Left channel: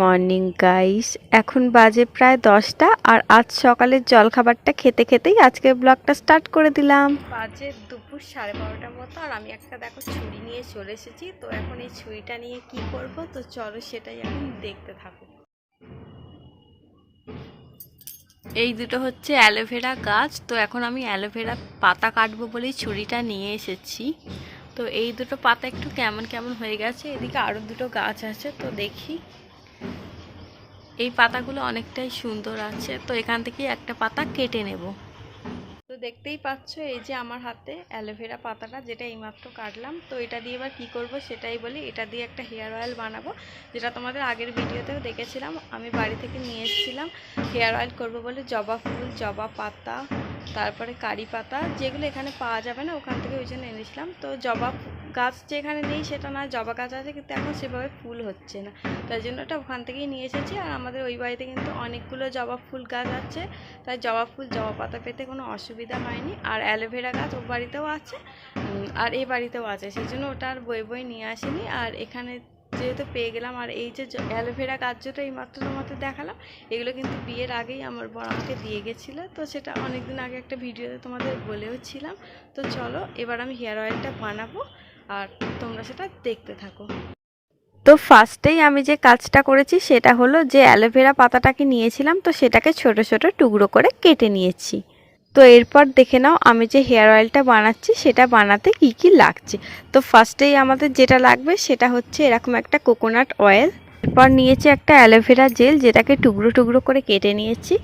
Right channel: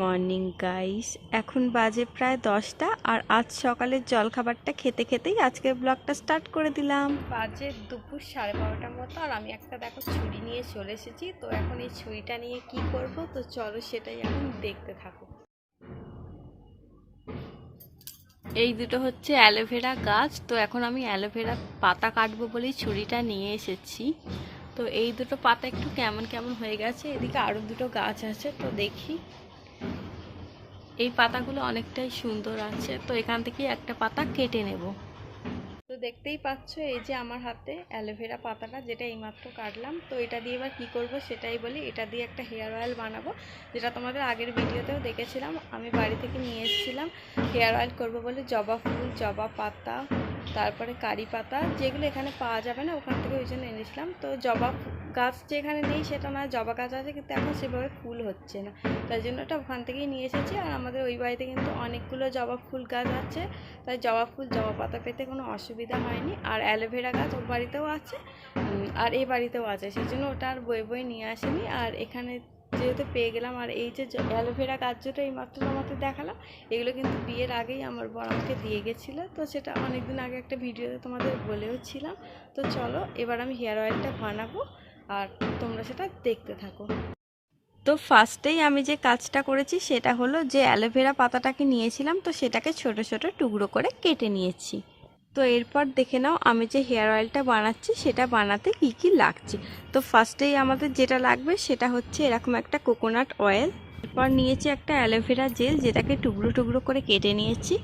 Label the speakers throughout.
Speaker 1: Morning guys এখন বাজে প্রায় দশটা আর আজ সকালের জলখাবারটা খেতে খেতেই আজকে ব্লগটা স্টার্ট করে দিলাম। বাজে দুপুর সাড়ে বারোটার মতো আর আমি একটা দেখো ছুরি নিয়ে চলে এসেছি। তো এখন এই ছুরিটা নিয়ে কি করব? তো চলো সেটাই এখন দেখতে থাকো। এই দুটো হচ্ছে অ্যালোভেরা গাছ। তো এখন আমি অ্যালোভেরা পাতা কাটবো বলেই ছুরিটা নিয়ে এসেছি। তো এই দুটো পাতা একটু কেমন কেমন হয়ে গেছে, এদিকে আরও দুটো গাছ আছে, তো দেখি। এই পাতাগুলো অনেকটাই সুন্দর আছে, তো এখান থেকে একটা পাতা কেটে নেব। তো দেখতেই পাচ্ছ, এই যে আমার হাতে অ্যালোভেরা পাতাটা, যেটা এইমাত্র কাটলাম, তো এটা দিয়ে এবার কী করব সেটাই বলি। এটা দিয়ে একটা হেয়ার অয়েল বানাবো, যেটা তোমাদের আগের ভিডিওতেও দেখেছিলাম। আমি বাড়ি থেকে নিয়ে এসেছিলাম, হেয়ার অয়েল করব বলে জবা ফুল, জবা পাতা তারপরে কারি পাতা যেগুলো এখানে পাওয়া যাবে না, ওখান থেকে ওই জন্য এনেছিলাম। তো জবা গাছ যেখানে নেই সেটা না জবা গাছ আছে কিন্তু এখন সেভাবে ফুল হচ্ছে না। তাই জন্য ওটা ওখান থেকেই নিয়ে এসেছি আর আমাদের ওই বাড়িতে কিন্তু অনেকগুলো জবা ফুল গাছ আছে। তাই জবা ফুল, জবা পাতা পেতে কোনো অসুবিধা হয়নি। আর অ্যালোভেরা গাছ ওর বাড়িতেও আছে আর এই বাড়িতেও আছে। সেই জন্য ওটা আর বই বই নিয়ে আসেনি। আর এখানে যেহেতু পেয়ে গেলাম, আর এই যে অ্যালোভেরা যেটা এই মাত্র তোমাদের দেখালাম, এগুলো কিন্তু বিয়ের আগেই আমার বর আমাকে দিয়ে গেছিল। তো সেটা অনেক দিন আগে একটা ভিডিওতে তোমাদের বলেও ছিলাম। তো চলো, এবার আমি হেয়ার অয়েলটা বানাবো, আর তোমরা সেটা দেখতে থাকো। তো ফার্স্টেই আমি যে কাজটা করেছি সেটা হলো যে অ্যালোভেরা পাতাটাকে নিয়েছিলাম, তো সেটাকে ছোট ছোট টুকরো করে কেটে নিয়েছি। তো এরপর দেখে নাও আমি যে হেয়ার অয়েলটা বানাচ্ছি, সেটা বানাতে কি কি লাগছে। তো ফার্স্টেই আমাদের যেটা লাগবে, সেটা হচ্ছে এরকম একটা কোকোনাট অয়েল এরপর নিয়েছি একটা অ্যালোভেরা জেল যেটাকে টুকরো টুকরো করে কেটে নিয়েছি।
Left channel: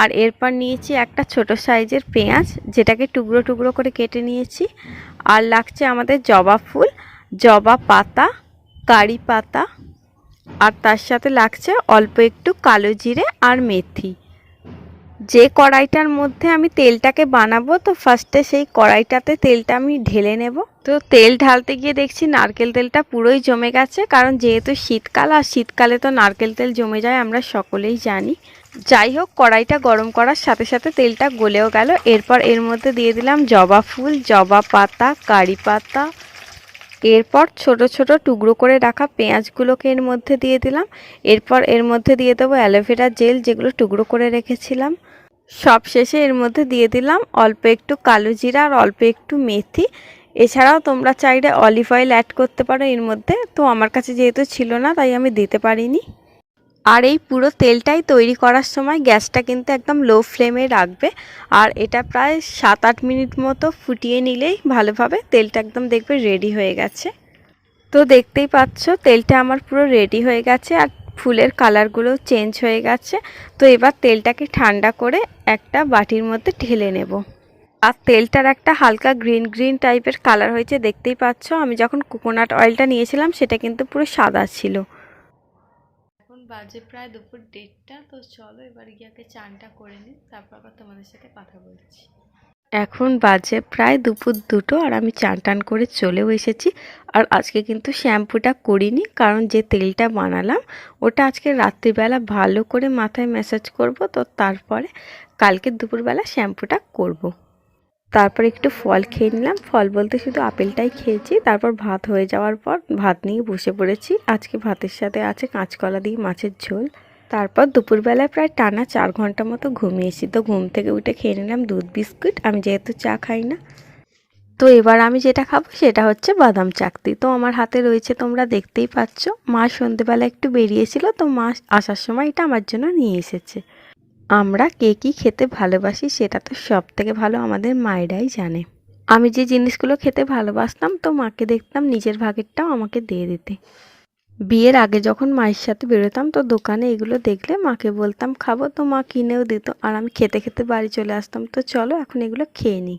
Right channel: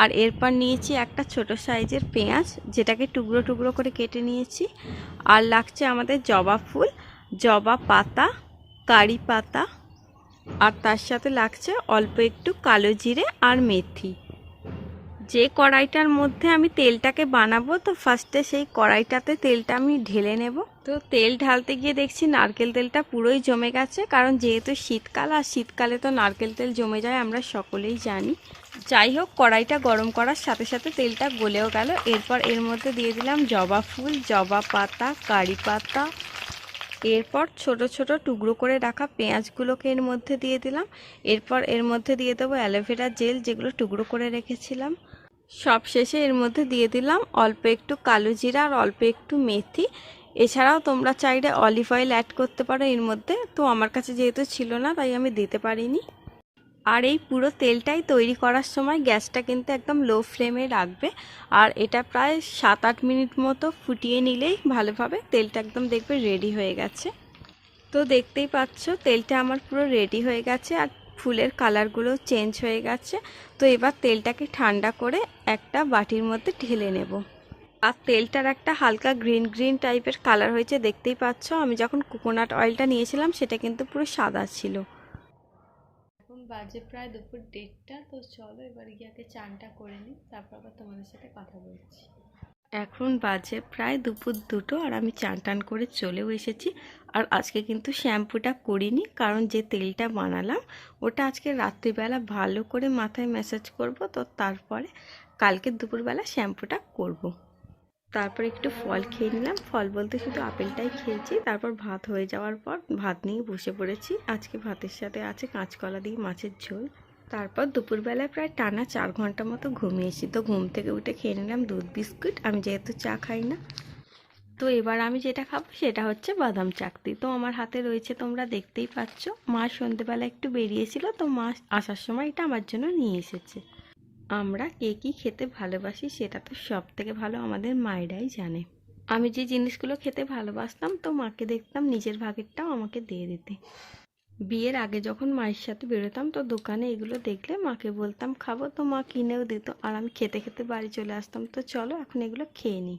Speaker 1: আর এরপর নিয়েছি একটা ছোট সাইজের পেঁয়াজ, যেটাকে টুকরো টুকরো করে কেটে নিয়েছি। আর লাগছে আমাদের জবা ফুল, জবা পাতা, কারি পাতা, আর তার সাথে লাগছে অল্প একটু কালো জিরে আর মেথি। যে কড়াইটার মধ্যে আমি তেলটাকে বানাবো, তো ফার্স্টে সেই কড়াইটাতে তেলটা আমি ঢেলে নেব। তো তেল ঢালতে গিয়ে দেখছি নারকেল তেলটা পুরোই জমে গেছে, কারণ যেহেতু শীতকাল, আর শীতকালে তো নারকেল তেল জমে যায়, আমরা সকলেই জানি। যাই হোক, কড়াইটা গরম করার সাথে সাথে তেলটা গলেও গেল। এরপর এর মধ্যে দিয়ে দিলাম জবা ফুল, জবা পাতা, কারি পাতা। এরপর ছোট ছোট টুকরো করে রাখা পেঁয়াজগুলোকে এর মধ্যে দিয়ে দিলাম। এরপর এর মধ্যে দিয়ে দেবো অ্যালোভেরা জেল, যেগুলো টুকরো করে রেখেছিলাম। সব শেষে এর মধ্যে দিয়ে দিলাম অল্প একটু কালো জিরা আর অল্প একটু মেথি। এছাড়াও তোমরা চাইলে অলিভ অয়েল অ্যাড করতে পারো এর মধ্যে। তো আমার কাছে যেহেতু ছিল না, তাই আমি দিতে পারিনি। আর এই পুরো তেলটাই তৈরি করার সময় গ্যাসটা কিন্তু একদম লো ফ্লেমে রাখবে। আর এটা প্রায় সাত আট মিনিট মতো ফুটিয়ে নিলেই ভালোভাবে তেলটা একদম দেখবে রেডি হয়ে গেছে। তো দেখতেই পাচ্ছ, তেলটা আমার পুরো রেডি হয়ে গেছে। আর ফুলের কালারগুলো চেঞ্জ হয়ে গেছে। তো এবার তেলটাকে ঠান্ডা করে একটা বাটির মধ্যে ঢেলে নেব। আর তেলটার একটা হালকা গ্রিন গ্রিন টাইপের কালার হয়েছে, দেখতেই পাচ্ছ। আমি যখন কোকোনাট অয়েলটা নিয়েছিলাম, সেটা কিন্তু পুরো সাদা ছিল। এখন বাজে প্রায় দুপুর দেড়টা, তো চলো এবার গিয়ে আগে চানটা করে নিই, তারপর আবার তোমাদের সাথে কথা বলছি। এখন বাজে প্রায় দুপুর দুটো আর আমি চান টান করে চলেও এসেছি। আর আজকে কিন্তু শ্যাম্পুটা করিনি কারণ যে তেলটা বানালাম, ওটা আজকে রাত্রিবেলা ভালো করে মাথায় ম্যাসাজ করব, তো তারপরে কালকে দুপুরবেলা শ্যাম্পুটা করব। তারপর একটু ফল খেয়ে নিলাম। ফল বলতে শুধু আপেলটাই খেয়েছি। তারপর ভাত হয়ে যাওয়ার পর ভাত নিয়ে বসে পড়েছি। আজকে ভাতের সাথে আছে কাঁচকলা দিয়ে মাছের ঝোল। তারপর দুপুরবেলায় প্রায় টানা চার ঘণ্টা মতো ঘুমিয়েছি। তো ঘুম থেকে উঠে খেয়ে নিলাম দুধ, বিস্কুট। আমি যেহেতু চা খাই না। তো এবার আমি যেটা খাব সেটা হচ্ছে বাদাম চাকতি। তো আমার হাতে রয়েছে, তোমরা দেখতেই পাচ্ছ। মা সন্ধেবেলা একটু বেরিয়েছিল, তো মা আসার সময় এটা আমার জন্য নিয়ে এসেছে। আমরা কে কী খেতে ভালোবাসি সেটা তো সব থেকে ভালো আমাদের মায়েরাই জানে। আমি যে জিনিসগুলো খেতে ভালোবাসতাম, তো মাকে দেখতাম নিজের ভাগেরটাও আমাকে দিয়ে দিতে। বিয়ের আগে যখন মায়ের সাথে বেরোতাম, তো দোকানে এগুলো দেখলে মাকে বলতাম, খাব তো মা, কিনেও দিত। আর আমি খেতে খেতে বাড়ি চলে আসতাম, তো চলো এখন এগুলো খেয়ে নিই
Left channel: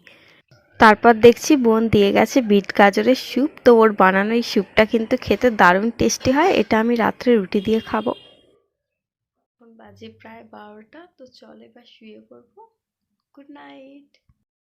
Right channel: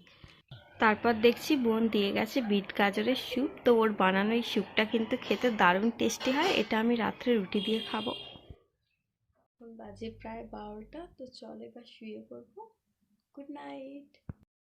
Speaker 1: তারপর দেখছি বোন দিয়ে গেছে বিট গাজরের স্যুপ। তো ওর বানানো এই স্যুপটা কিন্তু খেতে দারুণ টেস্টি হয়, এটা আমি রাত্রে রুটি দিয়ে খাব। এখন বাজে প্রায় বারোটা, তো চলে এবার শুয়ে পড়ব। Good night.